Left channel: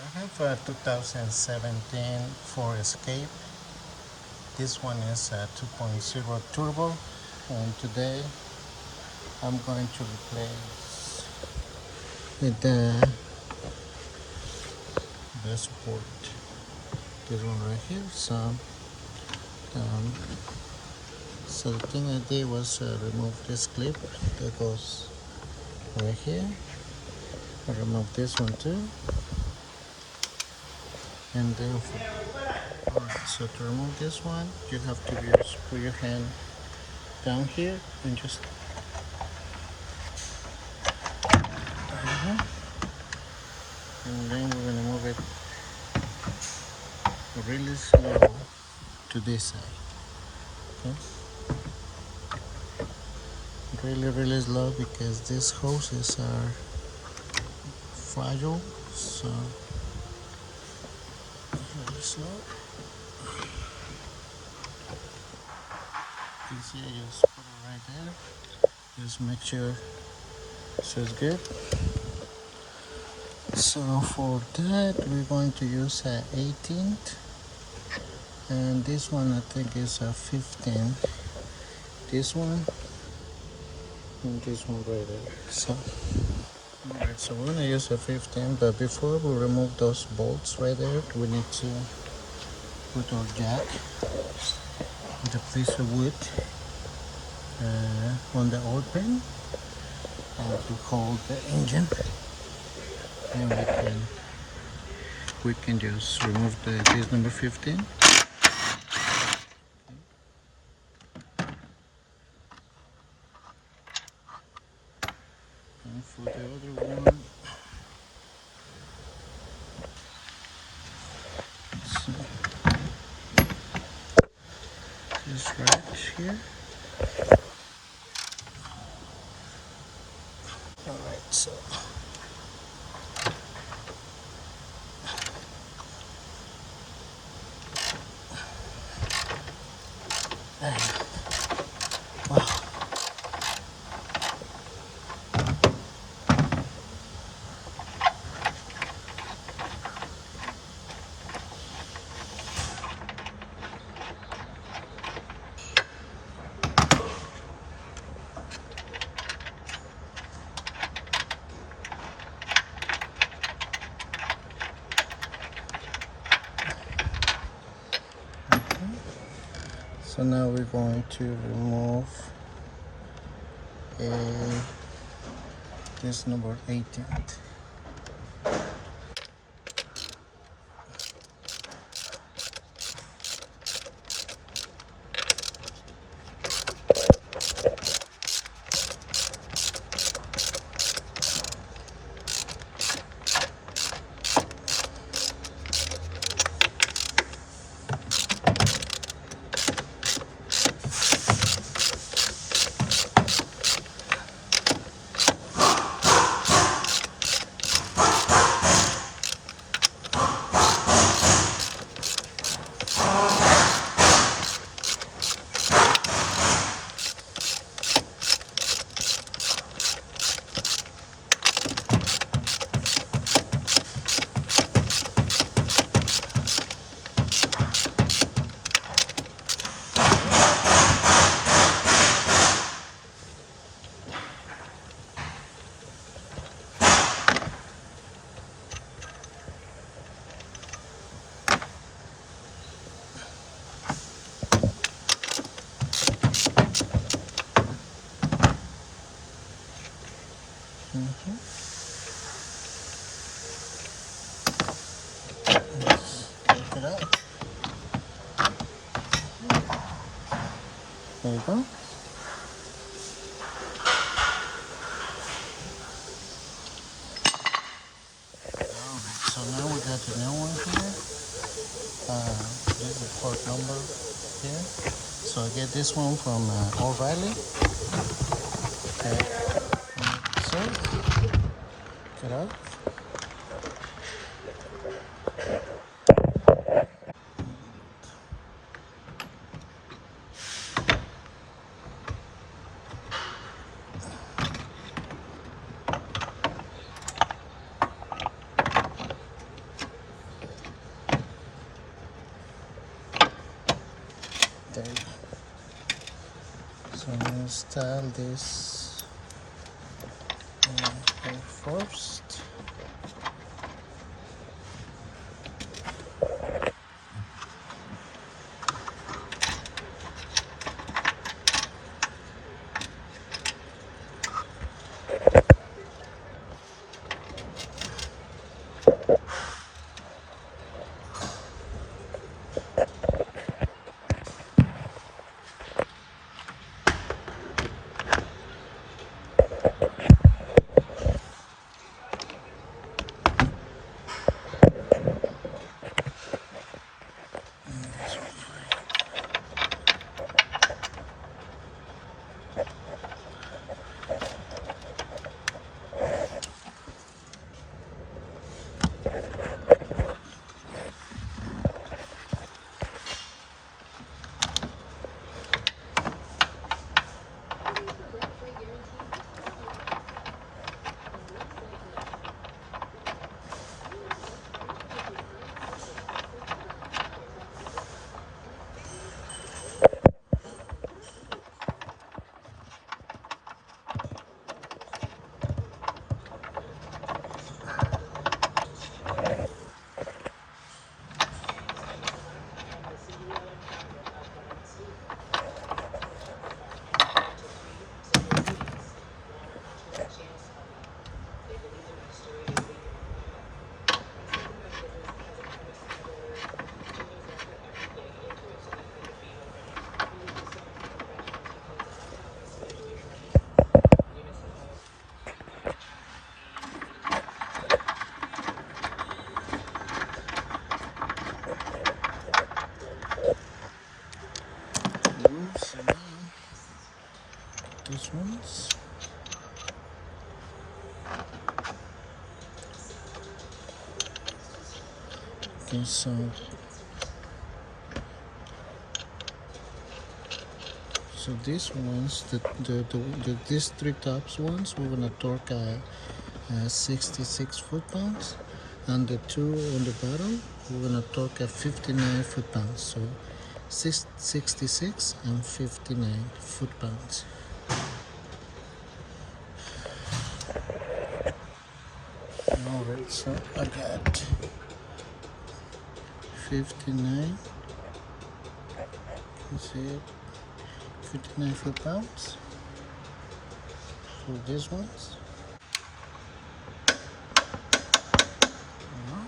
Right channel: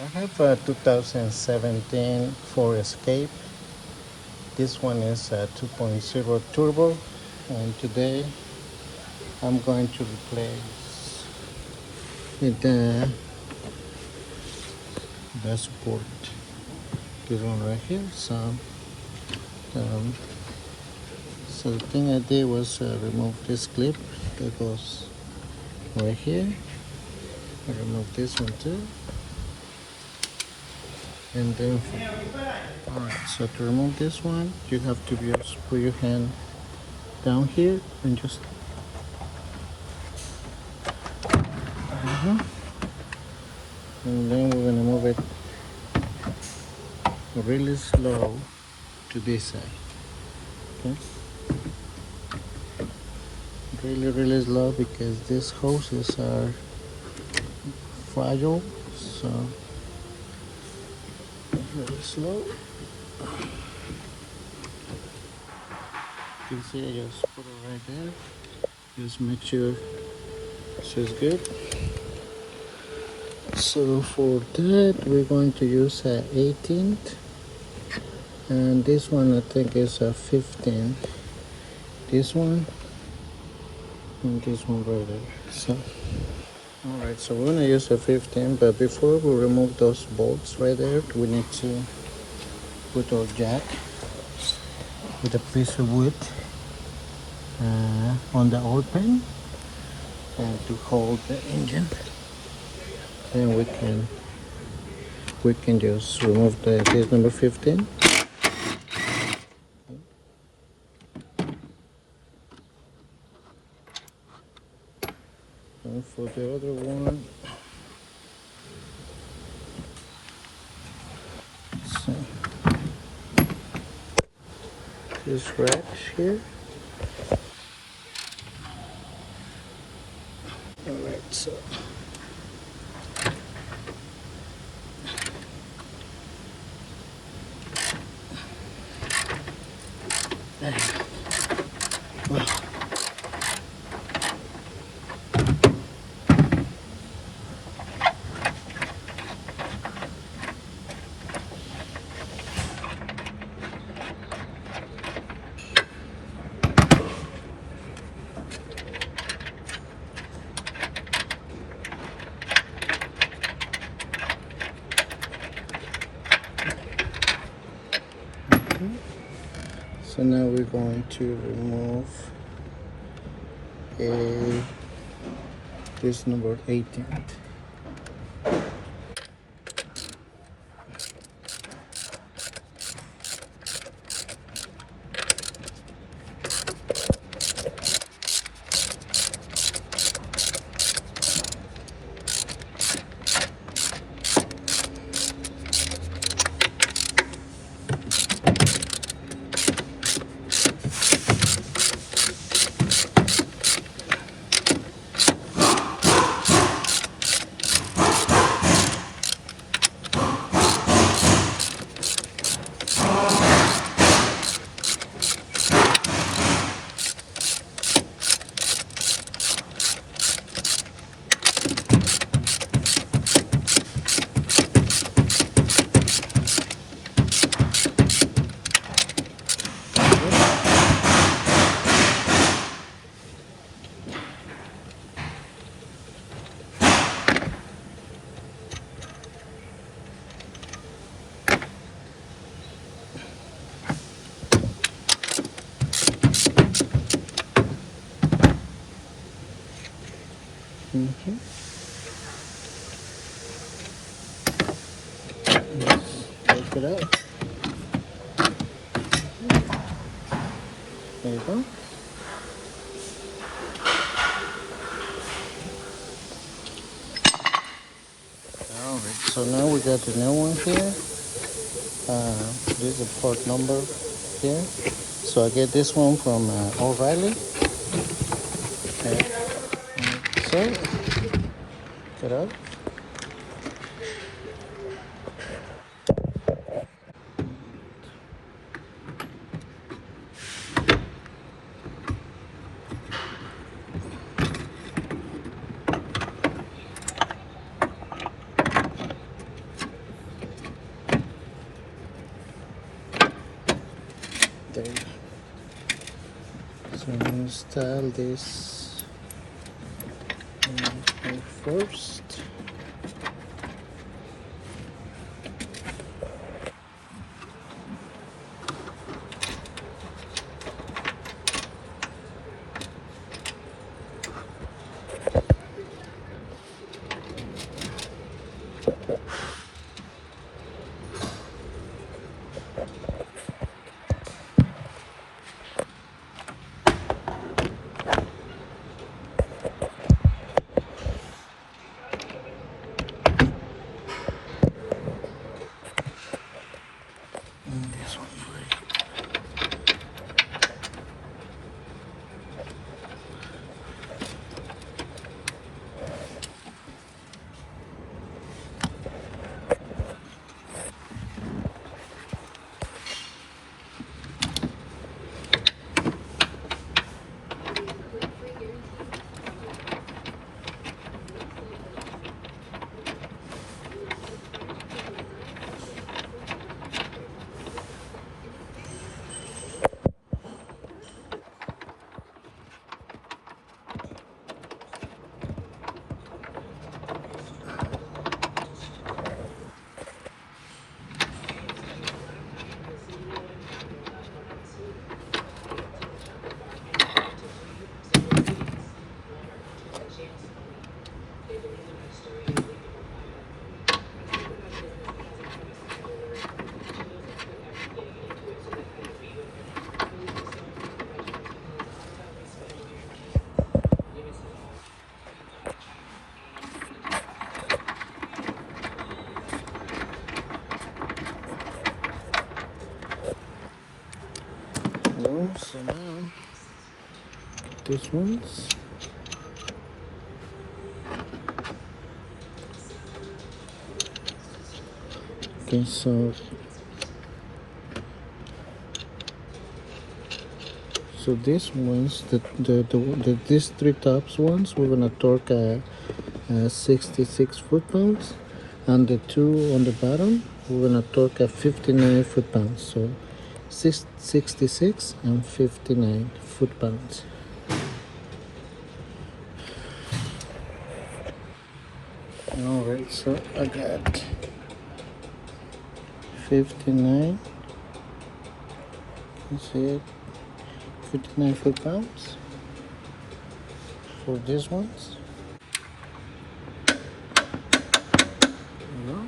I have a 2017 Ford Escape. This one is a 2.0 turbo, and today I'm going to replace the dashboard. This one right here. Um, so the thing I did was remove this clip that goes right here. I remove this one too, and then alright. So to remove this one, you have to just put your hand down here and just and then we're gonna move it really slow to this side. Okay, really slow because these hoses are fragile, so really slow. You see, I just put it right there. Just make sure it's good. So for that, we're going to use a 18th, and this one I think is a 15. This one and this one right there. So alright, so we're gonna use a 15, but before we remove those bolts right there, we need to put our jack with a piece of wood on the open to hold the engine. Then we can just remove this number 15. And for the other one, so this rack here. Alright, so so now we're going to remove this number 18. Take it out. There you go. Alright, so now we got the new one here. This is a part number here. So I get this one from O'Reilly. Okay. So, get out. install this first. So now this one's okay. So these ones, these three tops ones, we're gonna torque 66 foot-pounds, and the two on the bottom, we're gonna torque 59 foot-pounds. So 66 and 59 foot-pounds. All right, so I got 59. See it? 59 foot-pounds for these ones. You know?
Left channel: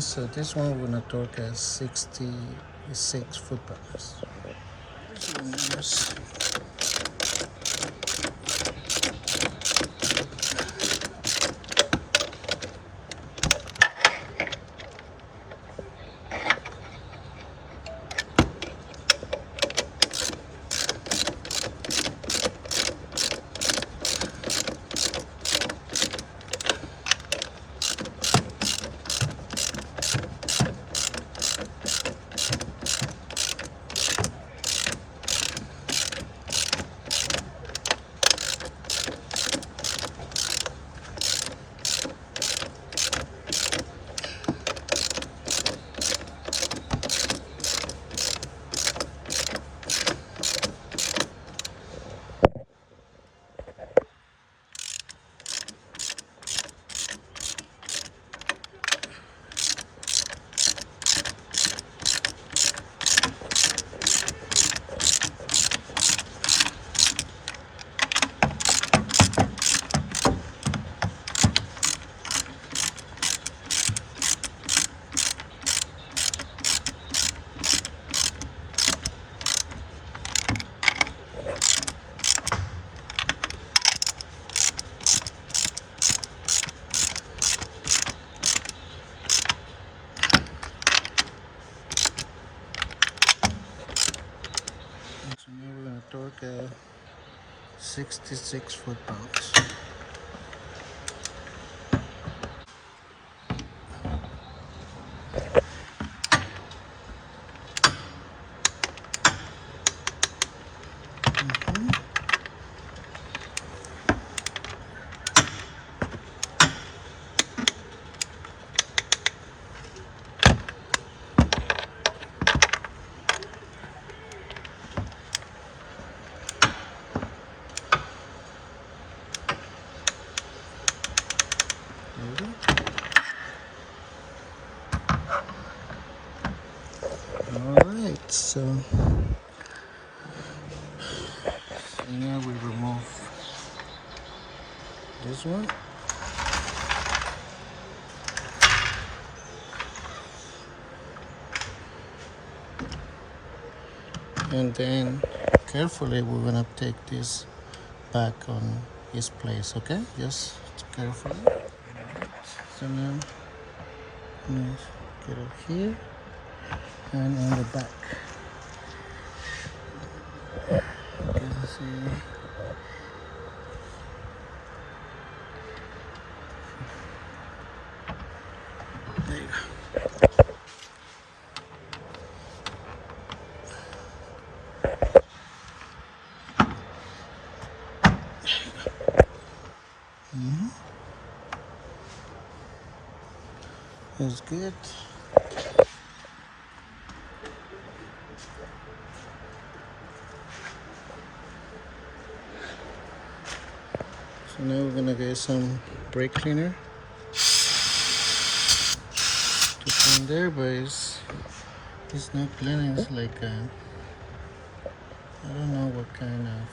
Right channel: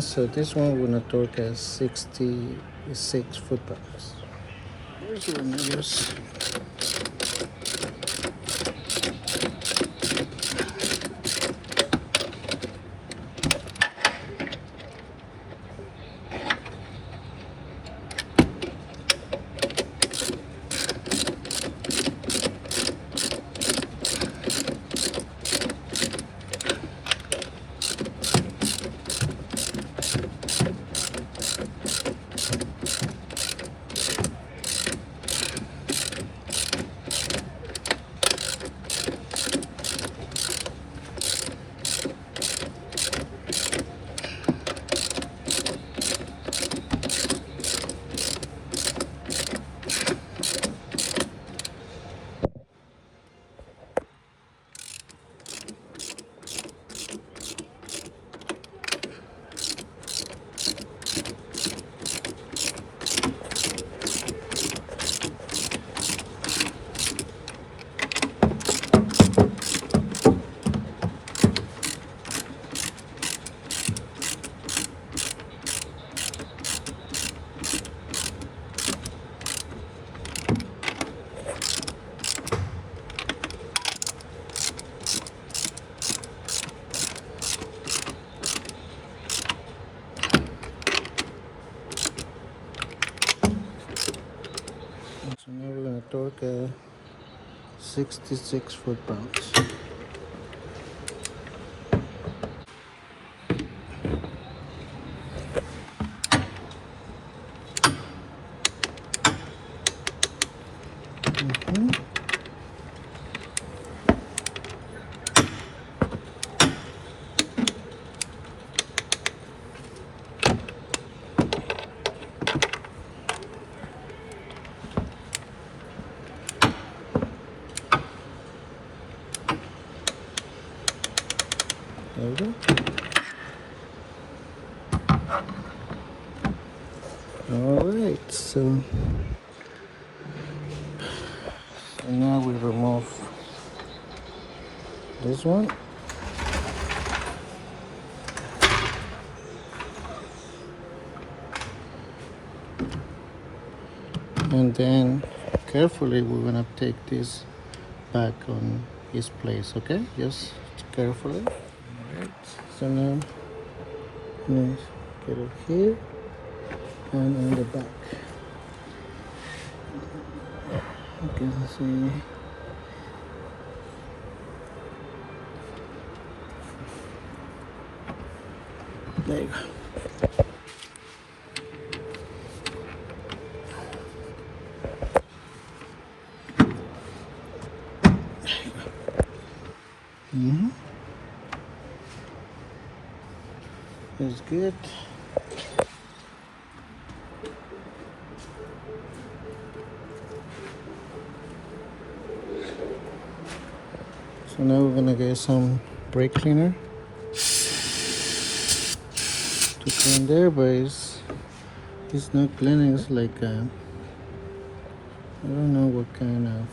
So this one we're gonna torque at 66 foot-pounds. Here's one I use. So now we're gonna torque 66 foot-pounds. There we go. Alright, so now we remove this one. And then carefully we're gonna take this back on his place, okay? Just carefully. Alright, so now let's get it here and in the back. You can see there you go. It's good. So now we're gonna get some brake cleaner to clean there, but it's not cleaning. It's like I don't know what kind of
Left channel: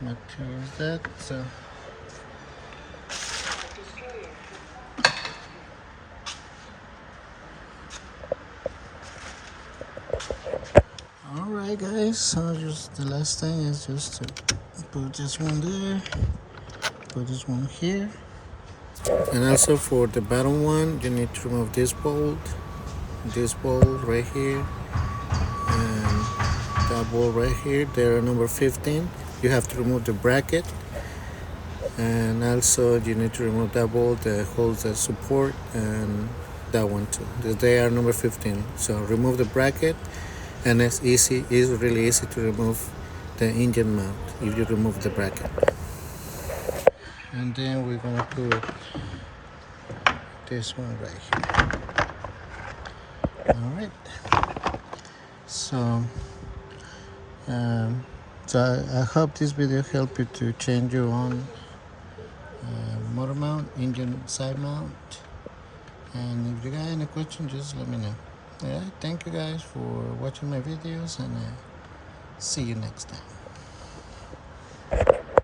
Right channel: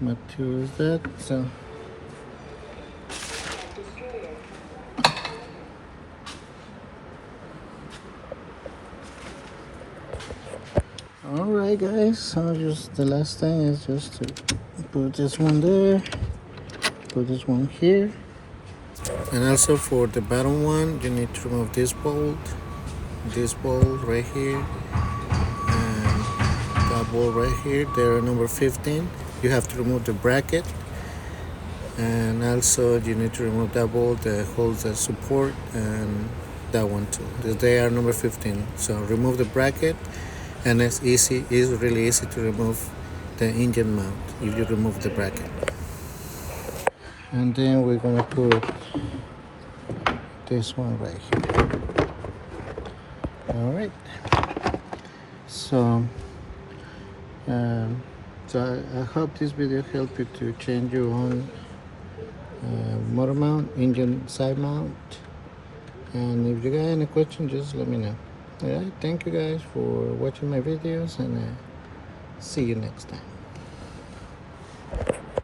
material is that. So alright guys, so just the last thing is just to put this one there, put this one here, and also for the bottom one you need to remove this bolt right here, and that bolt right here. They're number 15. You have to remove the bracket, and also you need to remove that bolt that holds the support, and that one too. They are number 15. So remove the bracket, and it's really easy to remove the engine mount if you remove the bracket. And then we're gonna put this one right here. All right, so I hope this video helped you to change your own motor mount, engine side mount. And if you got any questions, just let me know. All right, thank you guys for watching my videos, and see you next time.